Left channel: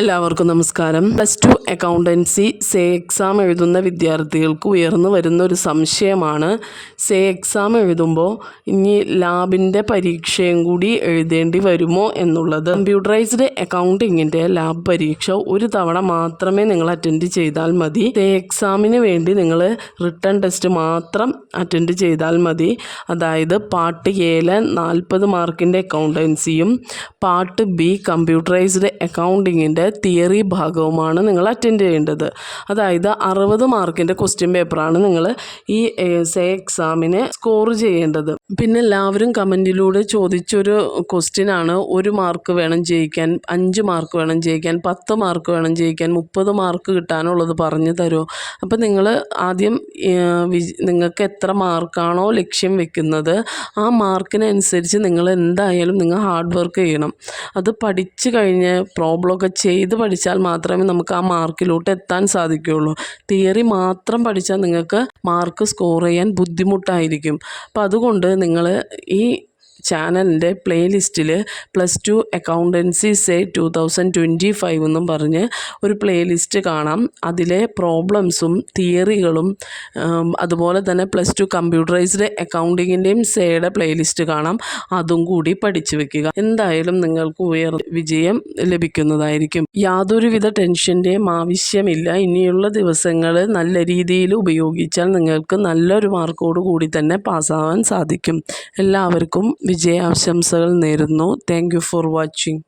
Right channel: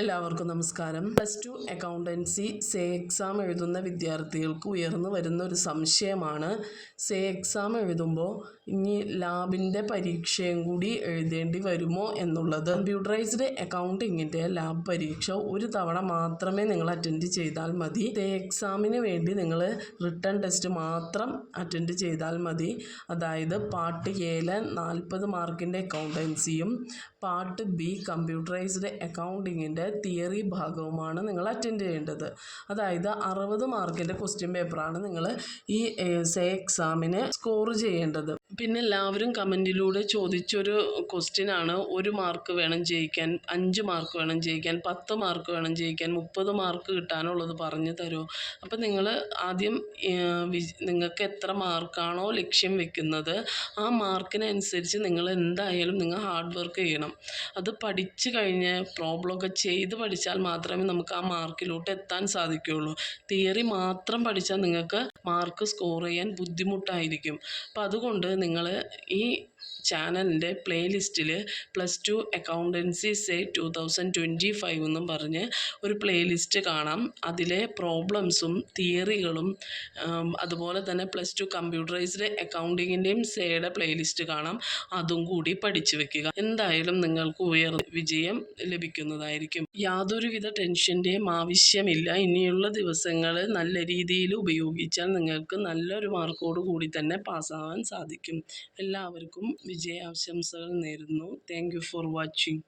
എല്ലാവർക്കും നമസ്കാരം. +2 accountancy say exam എഴുതുന്ന വിദ്യാർത്ഥികൾക്ക് ഉയർന്നു വരുന്ന ഒരു സംശയമാണ്, സേ എക്സാം എഴുതുമ്പോൾ ഇനി ലാബിൻ്റെ പരീക്ഷയും കൂടി എഴുതേണ്ടി വരുമോ എന്നുള്ളത്. കമ്പ്യൂട്ടറൈസ്ഡ് അക്കൗണ്ടിങ്ങിൻ്റെ ലാബ് പരീക്ഷ ഒരു തവണ മാത്രമേ നിങ്ങൾ അറ്റൻഡ് ചെയ്താൽ മതി. സേ എക്സാമിന് വേണ്ടി നിങ്ങൾ റിട്ടൺ ടെസ്റ്റ് മാത്രം അറ്റൻഡ് ചെയ്താൽ മതി. അതായത് പാർട്ട് എയിലെ 40 മാർക്കിൻ്റെ അക്കൗണ്ടൻസിയും പാർട്ട് ബി കമ്പ്യൂട്ടറൈസ്ഡ് അക്കൗണ്ടിങ്ങിൻ്റെ തിയറി ഭാഗവുമാണ് നിങ്ങൾ അറ്റൻഡ് ചെയ്യേണ്ടത്. അതായത് 60 മാർക്കിൻ്റെ ക്വസ്റ്റ്യൻ പേപ്പറാണ് നിങ്ങൾ ഈ സേ എക്സാമിന് സ്കോർ ചെയ്യേണ്ടത്. പിന്നെ എല്ലാവരും കമൻറ്റിലൂടെ ചോദിച്ചൊരു ക്വസ്റ്റ്യനാണ്, 1 മാർക്ക് വേണം ജയിക്കാൻ, 5 മാർക്ക് വേണം ജയിക്കാൻ, 10 മാർക്ക് വേണം ജയിക്കാൻ, 30 മാർക്ക് കിട്ടാനുള്ളത് പറഞ്ഞു തരുമോ? അപ്പം നിങ്ങൾ ആദ്യം നിങ്ങൾക്ക് എത്ര മാർക്കാണോ ലക്ഷ്യം വെക്കുന്നത് ആ മാർക്കിനനുസരിച്ച് നിങ്ങൾ എന്തായാലും നിങ്ങൾ ഹാർഡ് വർക്ക് ചെയ്യണം. അത് പഠിച്ചു കഴിഞ്ഞ് പ്രോബ്ലമൊക്കെ ചെയ്ത് പഠിച്ചാൽ മാത്രമേ നമുക്ക് ആ മാർക്കിലോട്ട് എത്താൻ സാധിക്കുകയുള്ളൂ. തിയറി മാത്രം പഠിച്ചാൽ നിങ്ങൾക്ക് മാർക്ക് സ്കോർ ചെയ്യാൻ ബുദ്ധിമുട്ടായിരിക്കും. അപ്പം അതുകൊണ്ട് നിങ്ങൾ ഈ ചാനലിൻ്റെ പ്ലേലിസ്റ്റിൽ +2 അക്കൗണ്ടൻസി സേ 2025 എന്നും പറഞ്ഞ് ഒരു പ്ലേലിസ്റ്റ് കാണാം. അതിലെ പ്രോബ്ലംസും തിയറികളും അതുപോലെ തന്നെ +2 കമ്പ്യൂട്ടറൈസ്ഡ് അക്കൗണ്ടിങ്ങിൻ്റെയും സേയുടെ പ്ലേലിസ്റ്റ് കാണാം. അതും കൂടി പഠിച്ചു വെക്കുക. എന്തായാലും നിങ്ങൾക്ക് വിജയം ലഭിക്കുന്നതായിരിക്കും. യാതൊരുവിധ ടെൻഷൻ്റെയും ആവശ്യമില്ല. ഇനിയുള്ള ദിവസങ്ങൾ നല്ല രീതിയിൽ ഉപയോഗിച്ചാൽ നിങ്ങൾക്ക് നല്ലൊരു മാർക്കോട് കൂടി തന്നെ പാസ്സാവാൻ സാധിക്കും. എല്ലാവർക്കും വിജയാശംസകൾ നേരുന്നു. Thank you for watching.